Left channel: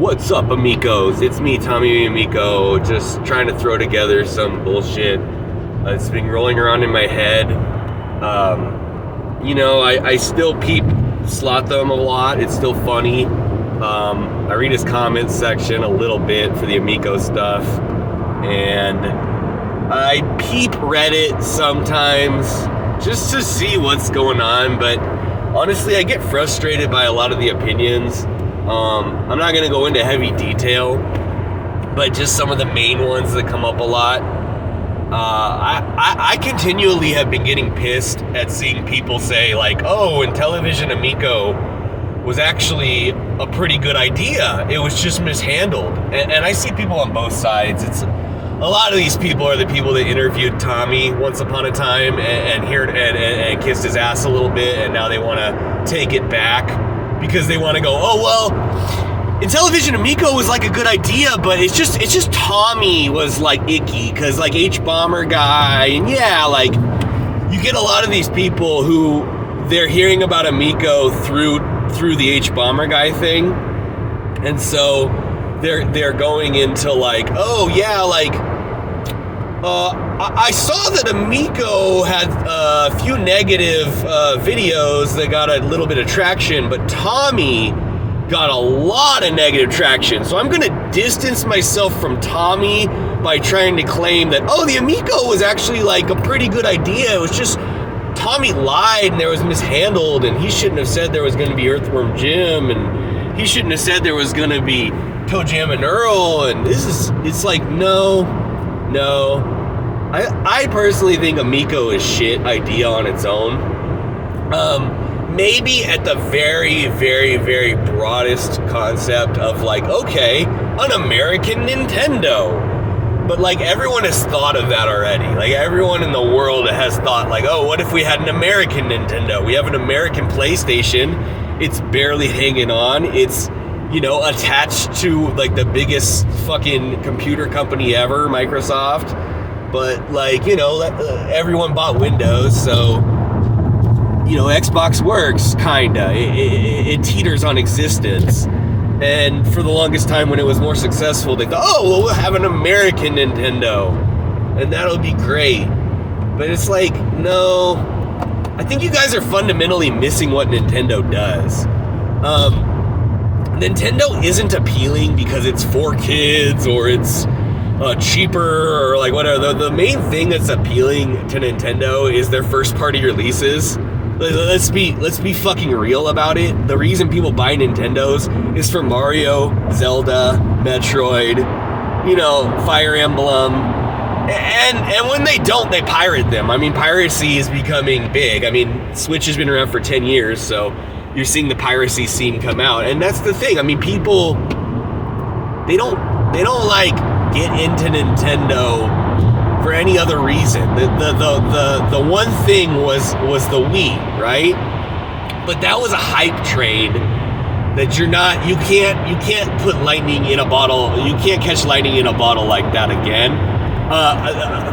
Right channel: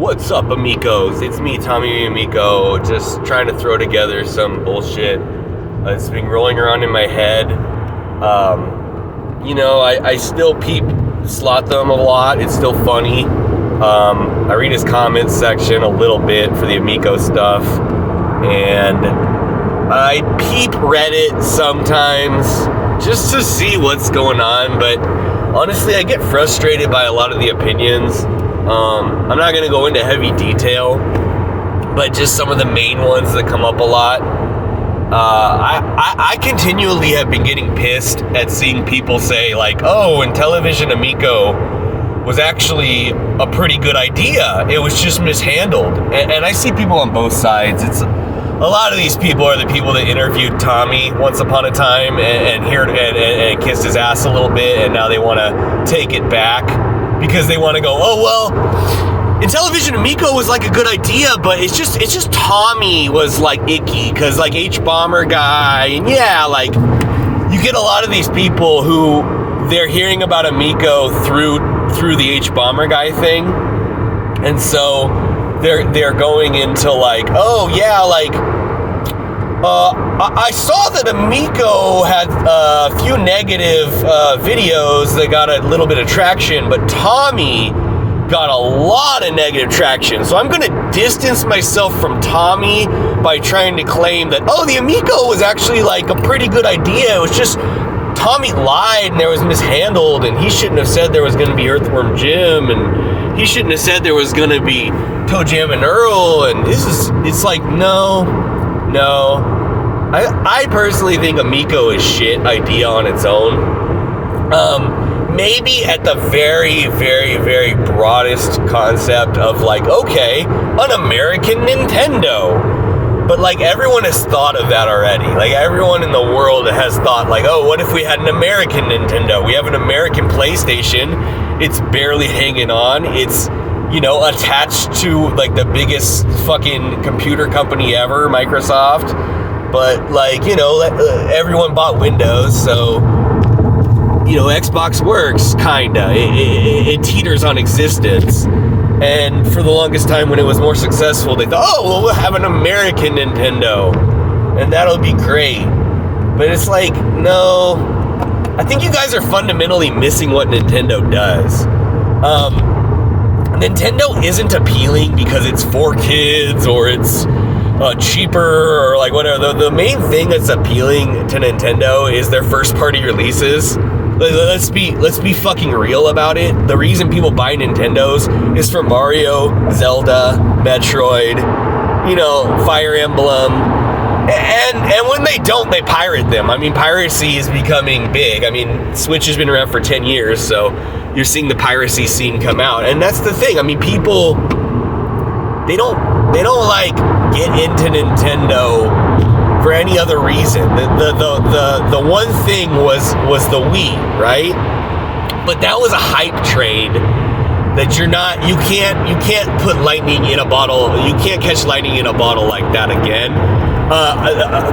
What's up, amigos? It's me, Tommy Amico, just trying to throw together some bullshit. It's been rolling around in my head. I still peep Slotham a lot. It's still funny. I read his comments section a little bit for the Amico stuff. And I peep Reddit sometimes just to see what's going on. But honestly, I get frustrated by a lot of the opinions. I'm not going to go into heavy detail, but just some of the main ones that come up a lot. I continually have been getting pissed at seeing people say like, oh, Intellivision Amico was actually a pretty good idea. It was just mishandled. And I see people on both sides. It's a lot of these people are the people that interviewed Tommy once upon a time and kissed his ass a little bit, and now they want to take it back. Because they want to go, oh, well, Intellivision Amico was like a good idea, but it's just Tommy was like icky, because like H-Bomber guy, and yeah, like you get a lot of these people who they're hearing about Amico through the H-Bomber guy thing, and so they're going into like, oh yeah, like I saw that Amico had a few negative videos that got a little bit of traction, but Tommy got a lot of negative traction. So I'm going to distance myself from Tommy by trying to claim that, oh, the Amico was actually like a pretty good idea. It was just Tommy lied and there was mishandled, and he shouldn't have said there was going to be Earthworm Jim, and he shouldn't have said there was going to be Toe Jam and Earl, and it's like, no. I personally think Amico is shit idea on its own. Maybe at the very, very, very broadest concept of like, okay, an American Nintendo. But like everyone has thought of that already. Like everyone in the world has thought like, oh, what if we had an American Nintendo? We have an American PlayStation. It's barely hanging on. It's, attached to like the biggest fucking computer company ever, Microsoft. But like, everyone bought Windows, so, Xbox works, kinda. It teeters on existence. And for the longest time when it was more successful, they thought, oh, well, we'll have an American Nintendo, and that'll be great. But it's like, no, I think you guys are fundamentally missing what Nintendo does. Nintendo isn't appealing because it's for kids or it's cheaper or like whatever. The main thing that's appealing to Nintendo is their first party releases. Let's be fucking real about it. The reason people buy Nintendos is for Mario, Zelda, Metroid, Fire Emblem. And when they don't, they pirate them. I mean, piracy is becoming big. I mean, Switch has been around for 10 years, so you're seeing the piracy scene come out. And that's the thing. I mean, people, they don't like get into Nintendo for any other reason. The one thing was the Wii, right? But that was a hype train that you can't put lightning in a bottle. You can't catch lightning in a bottle like that again.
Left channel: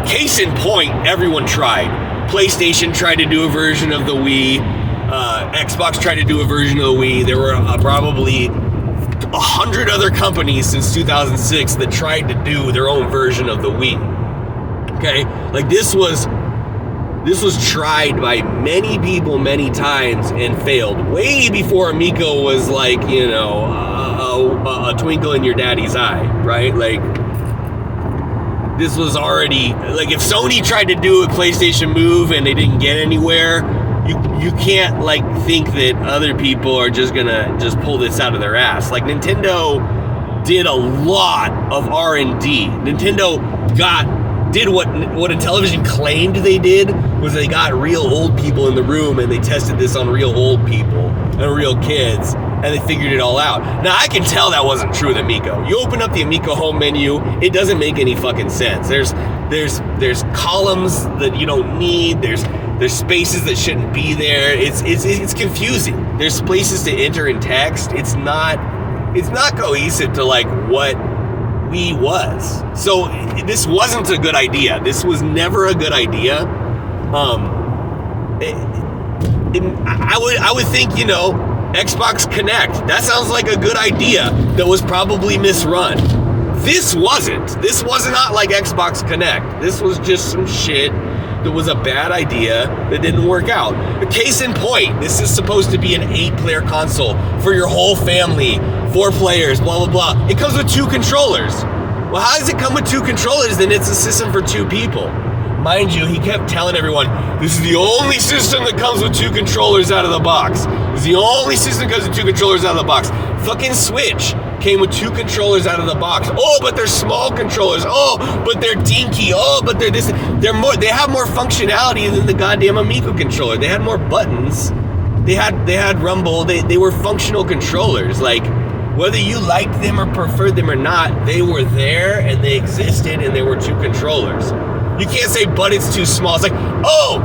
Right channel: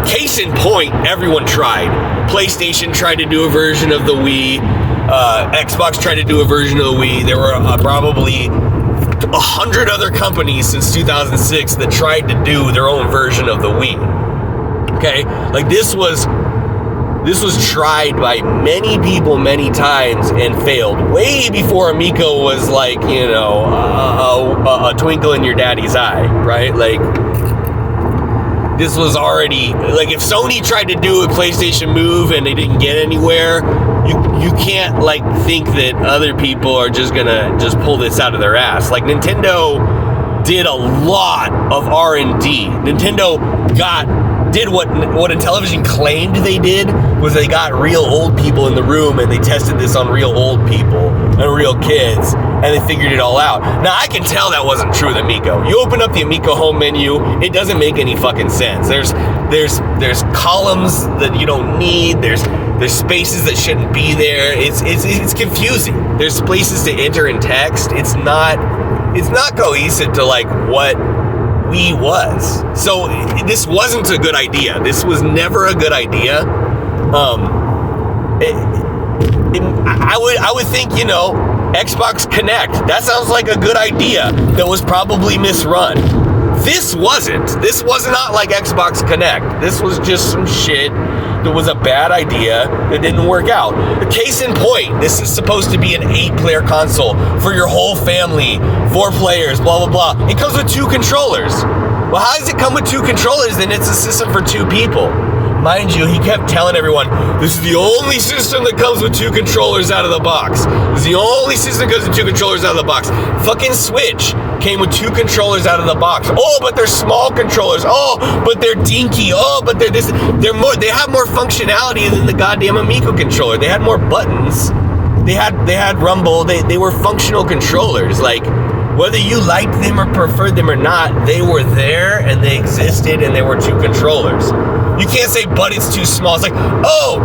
Case in point, everyone tried. PlayStation tried to do a version of the Wii. Xbox tried to do a version of the Wii. There were probably 100 other companies since 2006 that tried to do their own version of the Wii. Okay, like this was tried by many people many times and failed way before Amico was like, a twinkle in your daddy's eye, right? Like this was already, like if Sony tried to do a PlayStation Move and they didn't get anywhere, you can't like think that other people are just gonna just pull this out of their ass. Like Nintendo did a lot of R&D. Nintendo did what Intellivision claimed they did, was they got real old people in the room and they tested this on real old people and real kids, and they figured it all out. Now I can tell that wasn't true with Amico. You open up the Amico home menu, it doesn't make any fucking sense. There's columns that you don't need. There's spaces that shouldn't be there. It's confusing. There's places to enter in text. It's not cohesive to like what Wii was. So this wasn't a good idea. This was never a good idea. I would think, Xbox Connect. That sounds like a good idea that was probably misrun. This wasn't. This was not like Xbox Connect. This was just some shit that was a bad idea that didn't work out. Case in point, this is supposed to be an 8-player console for your whole family, 4 players, blah, blah, blah. It comes with 2 controllers. Well, how does it come with 2 controllers? Then it's a system for 2 people. Mind you, he kept telling everyone, this is the only system that comes with 2 controllers out of the box. This is the only system that comes with 2 controllers out of the box. Fucking Switch came with 2 controllers out of the box. Oh, but they're small controllers. Oh, but they're dinky. Oh, but they're this. They have more functionality than the goddamn Amico controller. They had more buttons. They had rumble. They were functional controllers. Like, whether you liked them or preferred them or not, they were there and they existed and they were 2 controllers. You can't say, but it's too small. It's like, oh,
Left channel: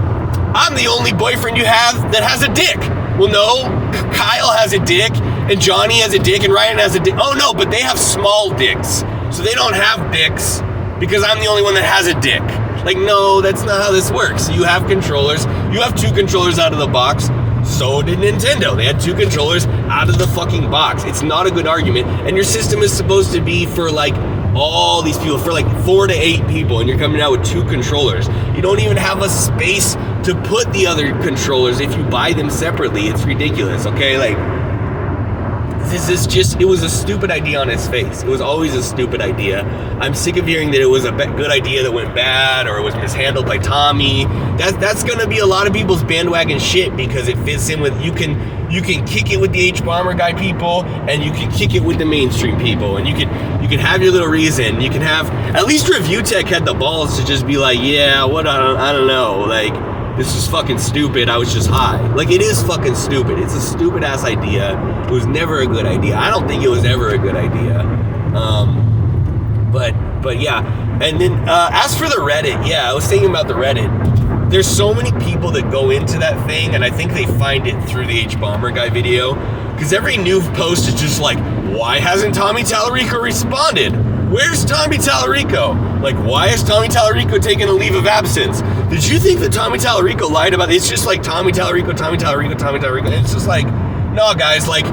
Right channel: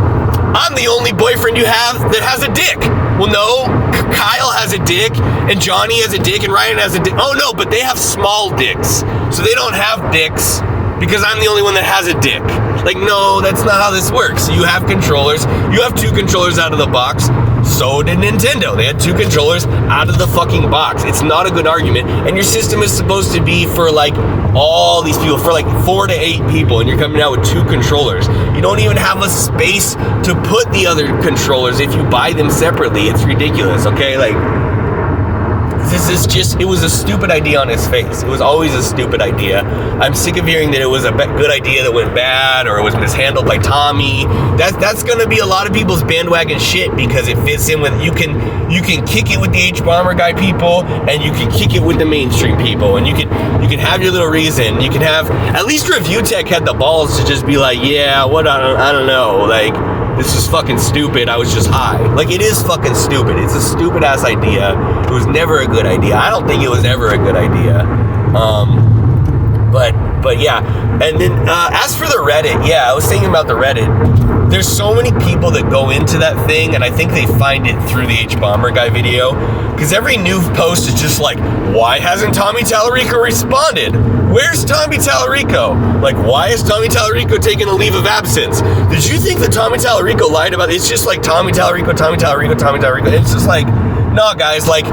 I'm the only boyfriend you have that has a dick. Well, no, Kyle has a dick, and Johnny has a dick, and Ryan has a dick. Oh, no, but they have small dicks. So they don't have dicks because I'm the only one that has a dick. Like, no, that's not how this works. You have controllers. You have 2 controllers out of the box. So did Nintendo. They had 2 controllers out of the fucking box. It's not a good argument. And your system is supposed to be for like all these people, for like 4 to 8 people, and you're coming out with 2 controllers. You don't even have a space to put the other controllers if you buy them separately. It's ridiculous, okay? Like, this is just, it was a stupid idea on its face. It was always a stupid idea. I'm sick of hearing that it was a good idea that went bad, or it was mishandled by Tommy. That's gonna be a lot of people's bandwagon shit, because it fits in with, you can kick it with the H-Bomber guy people, and you can kick it with the mainstream people, and you can have your little reason. You can have, at least Review Tech had the balls to just be like, yeah, what, I don't know, like, this is fucking stupid, I was just high. Like, it is fucking stupid. It's a stupid ass idea. It was never a good idea. I don't think it was ever a good idea. But yeah. And then as for the Reddit, yeah, I was thinking about the Reddit. There's so many people that go into that thing, and I think they find it through the H-Bomber guy video, because every new post is just like, why hasn't Tommy Tallarico responded? Where's Tommy Tallarico? Like, why is Tommy Tallarico taking a leave of absence? Did you think that Tommy Tallarico lied about it? It's just like Tommy Tallarico, Tommy Tallarico, Tommy Tallarico. It's just like, no, guys, like,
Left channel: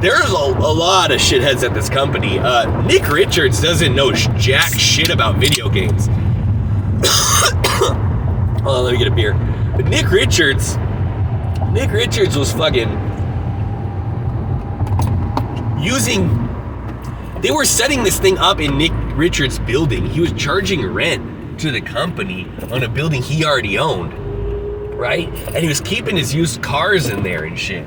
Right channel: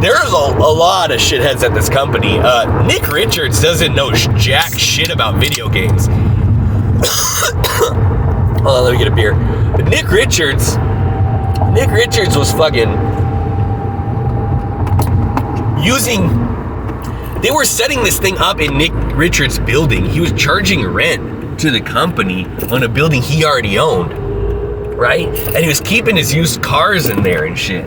there's a lot of shitheads at this company. Nick Richards doesn't know jack shit about video games. Hold on, let me get a beer. But Nick Richards was fucking they were setting this thing up in Nick Richards' building. He was charging rent to the company on a building he already owned, right? And he was keeping his used cars in there and shit.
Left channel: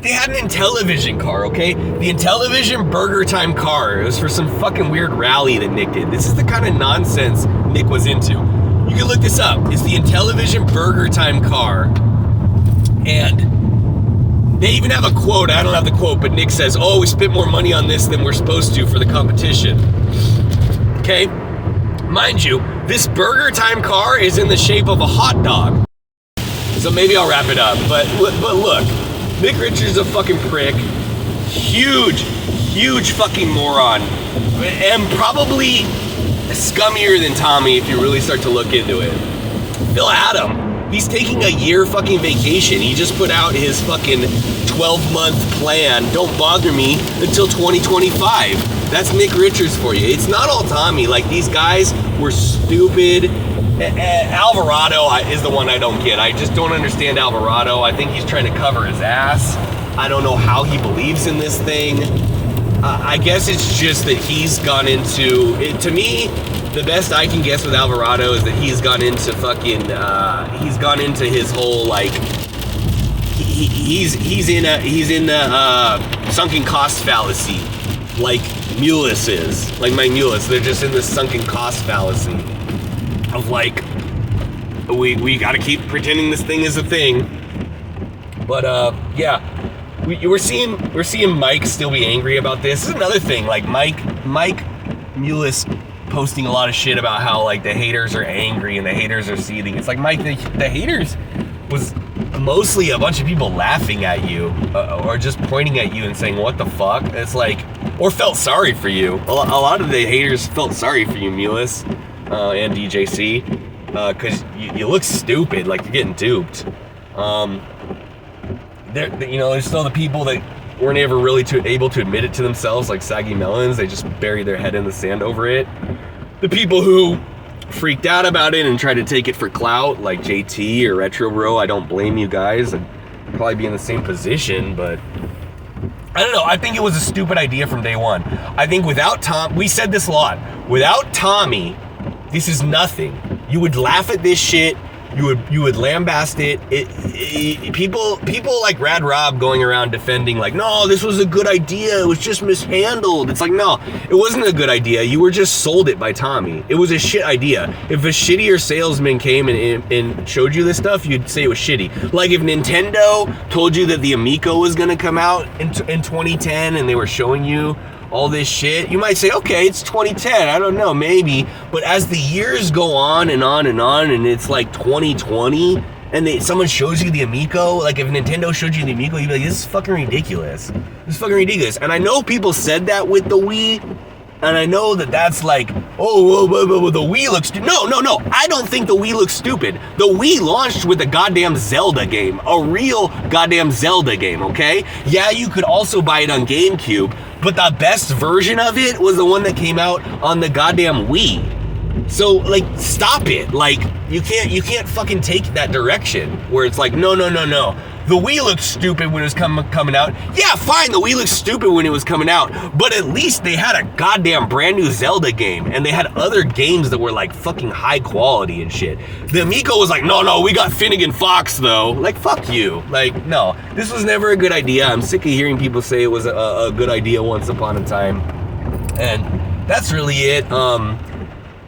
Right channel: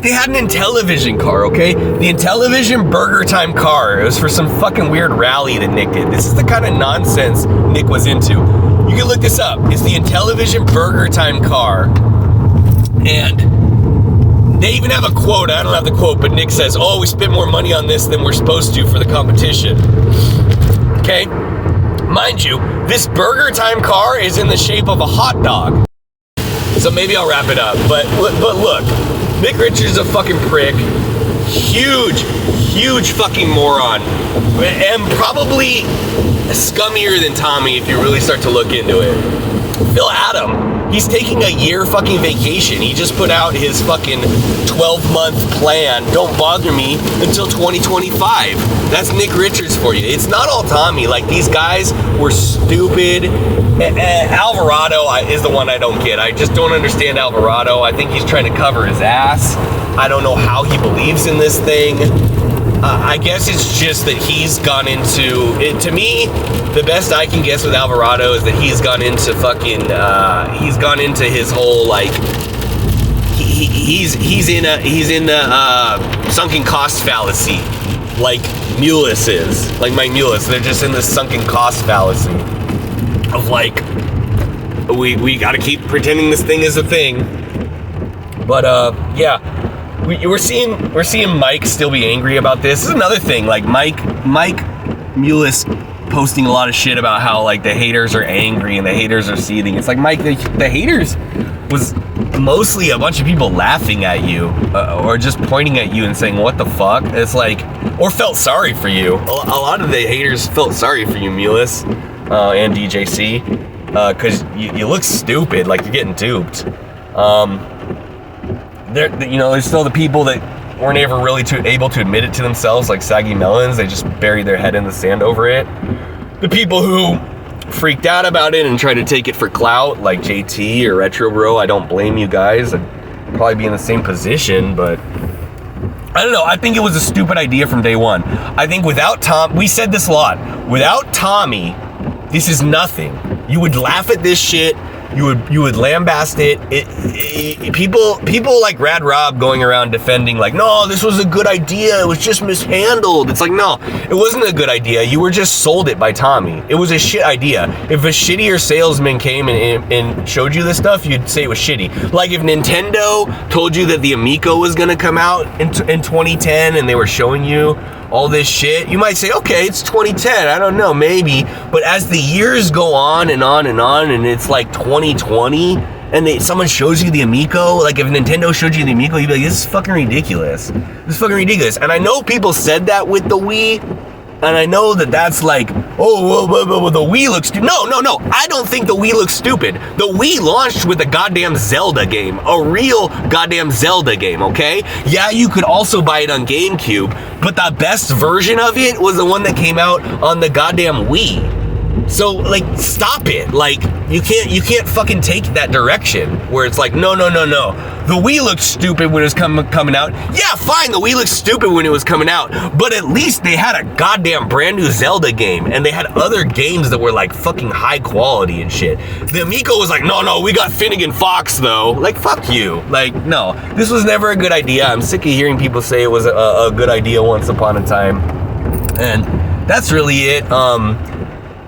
They had an Intellivision car, okay? The Intellivision Burger Time car. It was for some fucking weird rally that Nick did. This is the kind of nonsense Nick was into. You can look this up. It's the Intellivision Burger Time car. And they even have a quote. I don't have the quote, but Nick says, oh, we spent more money on this than we're supposed to for the competition. Okay? Mind you, this Burger Time car is in the shape of a hot dog. So maybe I'll wrap it up. But look, Nick Richards is a fucking prick. Huge fucking moron. And probably scummier than Tommy if you really start to look into it. Phil Adam, he's taking a year fucking vacation. He just put out his fucking 12-month plan, don't bother me, until 2025. That's Nick Richards for you. It's not all Tommy. Like, these guys were stupid. Alvarado is the one I don't get. I just don't understand Alvarado. I think he's trying to cover his ass. I don't know how he believes in this thing. I guess it's just that he's gone into it. To me, the best I can guess with Alvarado is that he's gone into his whole, like, he's in the sunken cost fallacy, like Mullis is, like Mike Mullis. They're just in this sunken cost fallacy of, like, we got to keep pretending this thing is a thing. But yeah. We're seeing Mike still be angry about this. This is another thing, like Mike Mullis posting a lot of shit about how, like, the haters are angry and the haters are seething. It's like, Mike, the haters was mostly a bunch of people laughing at you or just pointing at you and saying, what the fuck? It's like, or felt sorry for you. A lot of the haters felt sorry for you, Mullis and DJC, because you look stupid, like you're getting duped. There's still the people that weren't ever really able to admit it to themselves, like saggy melons. They just buried their head in the sand over it. The people who freaked out about it and tried to take it for clout, like JT or Retro Bro, I don't blame you guys. I'd probably be in the same position, but I don't know. I think it was a stupid idea from day one. I think without Tom, we said this a lot, without Tommy, this is nothing. You would laugh at this shit. You would lambast it. People like Rad Rob going around defending like, no, this was a good idea. It was just mishandled. It's like, no, it wasn't a good idea. You were just sold it by Tommy. It was a shit idea. If a shittier salesman came and showed you this stuff, you'd say it was shitty. Like if Nintendo told you that the Amico was gonna come out in 2010 and they were showing you all this shit, you might say, okay, it's 2010, I don't know, maybe. But as the years go on and on and on, and it's like 2020, and someone shows you the Amico, like if Nintendo showed you the Amico, you'd be like, this is fucking ridiculous. This is fucking ridiculous. And I know people said that with the Wii, and I know that that's like, oh, well, the Wii looks stupid. No, I don't think the Wii looks stupid. The Wii launched with a goddamn Zelda game, a real goddamn Zelda game, okay? Yeah, you could also buy it on GameCube, but the best version of it was the one that came out on the goddamn Wii. So, like, stop it. Like, you can't fucking take that direction where it's like, no. The Wii looked stupid when it was coming out. Yeah, fine, the Wii looked stupid when it was coming out, but at least they had a goddamn brand new Zelda game, and they had other games that were like fucking high quality and shit. The Amico was like, no, we got Finnegan Fox though. Like, fuck you. Like, no, this was never a good idea. I'm sick of hearing people say it was a good idea once upon a time, and that's really it.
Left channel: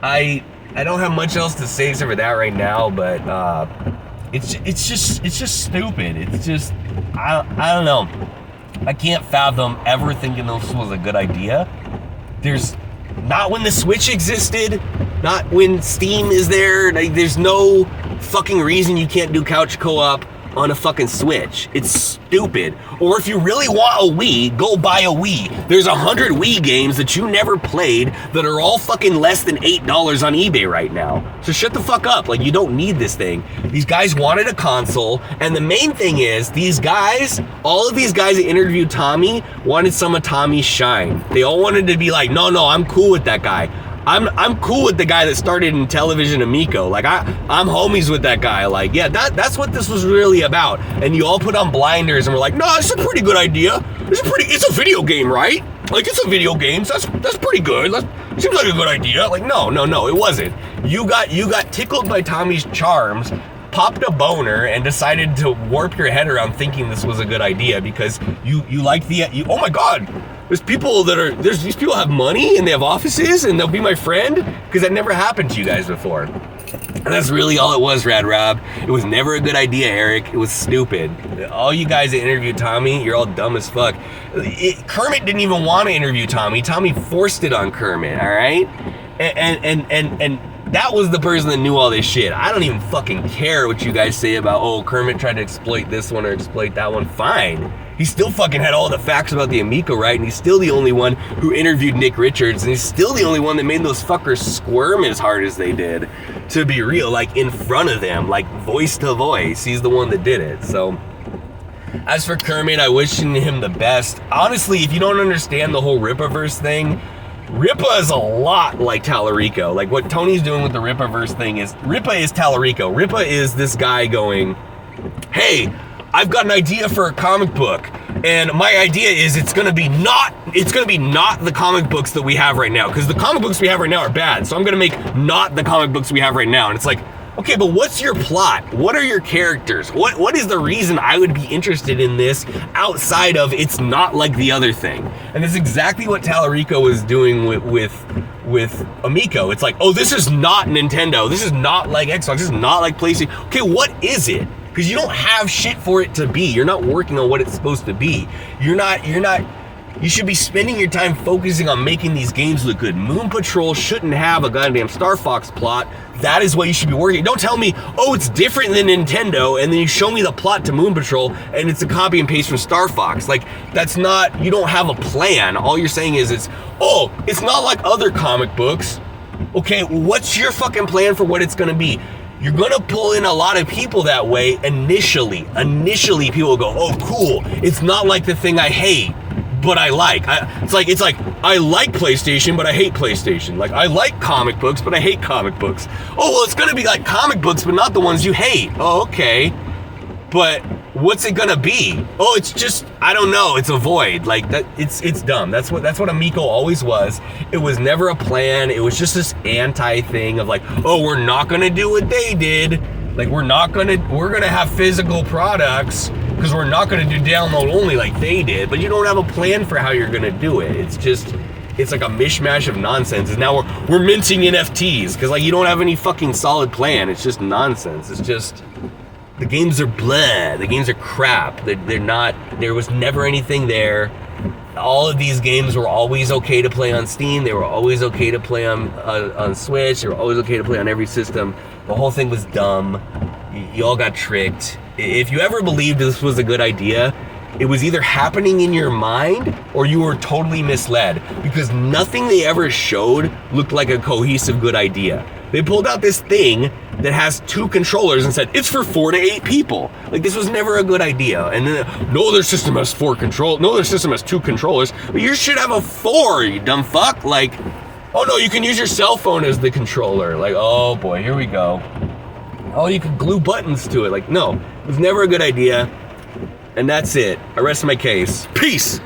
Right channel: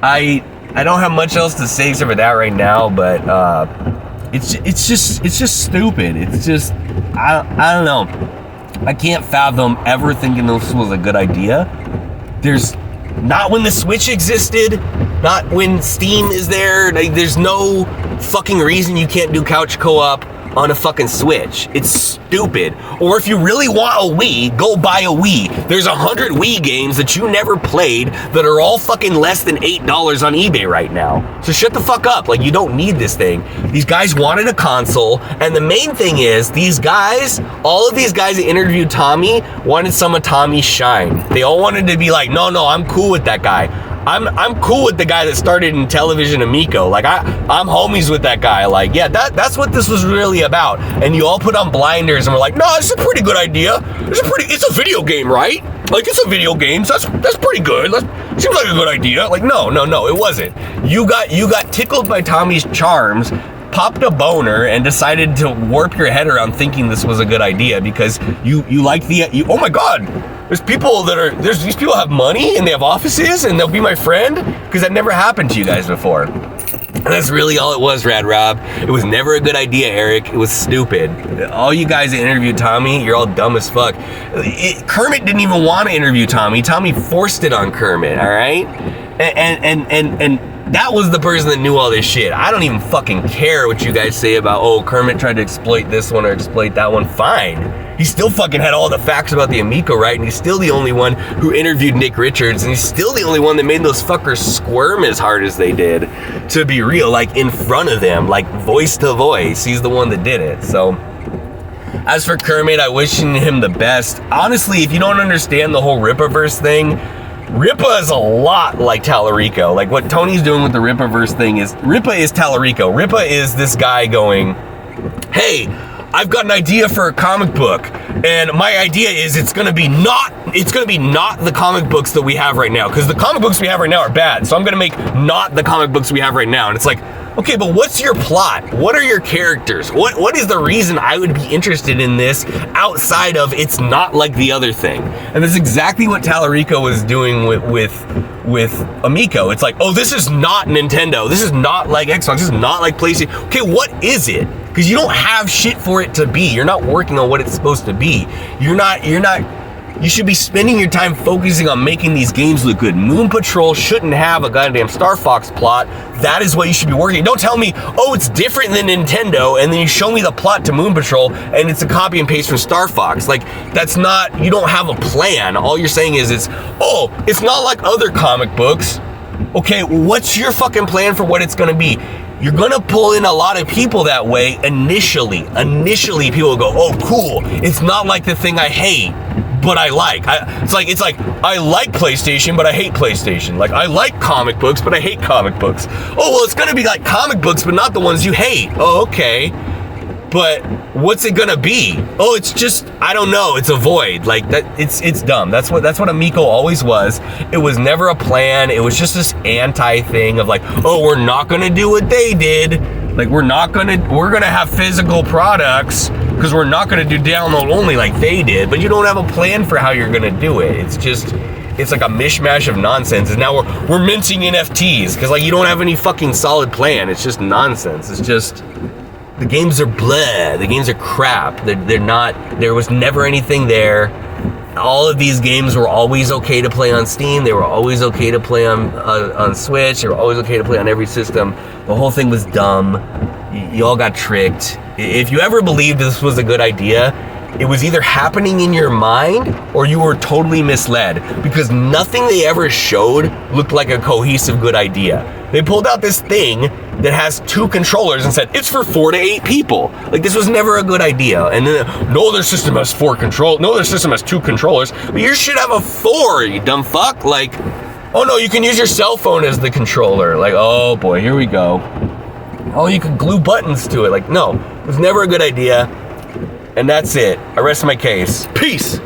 I don't have much else to say except for that right now, but it's just stupid. It's just I don't know. I can't fathom ever thinking this was a good idea. There's not when the Switch existed, not when Steam is there. Like, there's no fucking reason you can't do couch co-op on a fucking Switch. It's stupid. Or if you really want a Wii, go buy a Wii. There's 100 Wii games that you never played that are all fucking less than $8 on eBay right now. So shut the fuck up. Like, you don't need this thing. These guys wanted a console, and the main thing is, these guys, all of these guys that interviewed Tommy wanted some of Tommy's shine. They all wanted to be like, no, I'm cool with that guy. I'm cool with the guy that started Intellivision Amico. Like, I'm homies with that guy. Like, yeah, that's what this was really about. And you all put on blinders and were like, no, it's a pretty good idea. It's a video game, right? Like, it's a video game, so that's pretty good. Seems like a good idea. Like, no, it wasn't. You got tickled by Tommy's charms, popped a boner, and decided to warp your head around thinking this was a good idea because you like oh my god, these people have money and they have offices and they'll be my friend, because that never happened to you guys before. And that's really all it was, Rad Rob. It was never a good idea, Eric. It was stupid. All you guys that interviewed Tommy, you're all dumb as fuck. Kermit didn't even want to interview Tommy. Tommy forced it on Kermit, all right? And that was the person that knew all this shit. I don't even fucking care what you guys say about, oh, Kermit tried to exploit this one or exploit that one. Fine. He still fucking had all the facts about the Amico, right? And he's still the only one who interviewed Nick Richards, and he's still the only one that made those fuckers squirm as hard as they did, to be real, like in front of them, like voice to voice. He's the one that did it. So as for Kermit, I wish him the best. Honestly, if you don't understand the whole Rippaverse thing, Rippa is a lot like Tallarico. Like, what Tony's doing with the Rippaverse thing is, Rippa is Tallarico. Rippa is this guy going, hey, I've got an idea for a comic book, and my idea is it's gonna be not the comic books that we have right now, because the comic books we have right now are bad, so I'm gonna make not the comic books we have right now. And it's like, okay, but what's your plot? What are your characters? What is the reason I would be interested in this outside of it's not like the other thing? And that's exactly what Tallarico was doing with Amico. It's like, oh, this is not Nintendo. This is not like Xbox. This is not like PlayStation. Okay, what is it? Because you don't have shit for it to be. You're not working on what it's supposed to be. You should be spending your time focusing on making these games look good. Moon Patrol shouldn't have a goddamn Star Fox plot. That is what you should be working. Don't tell me, oh, it's different than Nintendo, and then you show me the plot to Moon Patrol, and it's a copy and paste from Star Fox. Like, that's not, you don't have a plan. All you're saying is it's not like other comic books. Okay, what's your fucking plan for what it's gonna be? you're gonna pull in a lot of people that way initially. Initially, people will go, oh, cool. It's not like the thing I hate, but I like. It's like I like PlayStation, but I hate PlayStation. Like, I like comic books, but I hate comic books. Oh, well, it's gonna be like comic books, but not the ones you hate. Oh, okay. But what's it gonna be? Oh, it's just, I don't know. It's a void. Like that. It's dumb. That's what Amico always was. It was never a plan. It was just this anti thing of like, oh, we're not gonna do what they did. Like we're gonna have physical products because we're not gonna do download only like they did. But you don't have a plan for how you're gonna do it. It's like a mishmash of nonsense. And now we're minting NFTs because like you don't have any fucking solid plan. It's just nonsense. It's just. The games are blah. The games are crap. They're not. There was never anything there. All of these games were always okay to play on Steam. They were always okay to play on Switch. They were always okay to play on every system. The whole thing was dumb. You all got tricked. If you ever believed this was a good idea, it was either happening in your mind or you were totally misled because nothing they ever showed looked like a cohesive good idea. They pulled out this thing that has 2 controllers and said, it's for 4 to 8 people. Like, this was never a good idea. And then, no, their system has 4 controls. No, their system has 2 controllers. But yours should have a 4, you dumb fuck. Like, oh no, you can use your cell phone as the controller. Like, oh boy, here we go. Oh, you can glue buttons to it. Like, no, it was never a good idea. And that's it. I rest my case. Peace.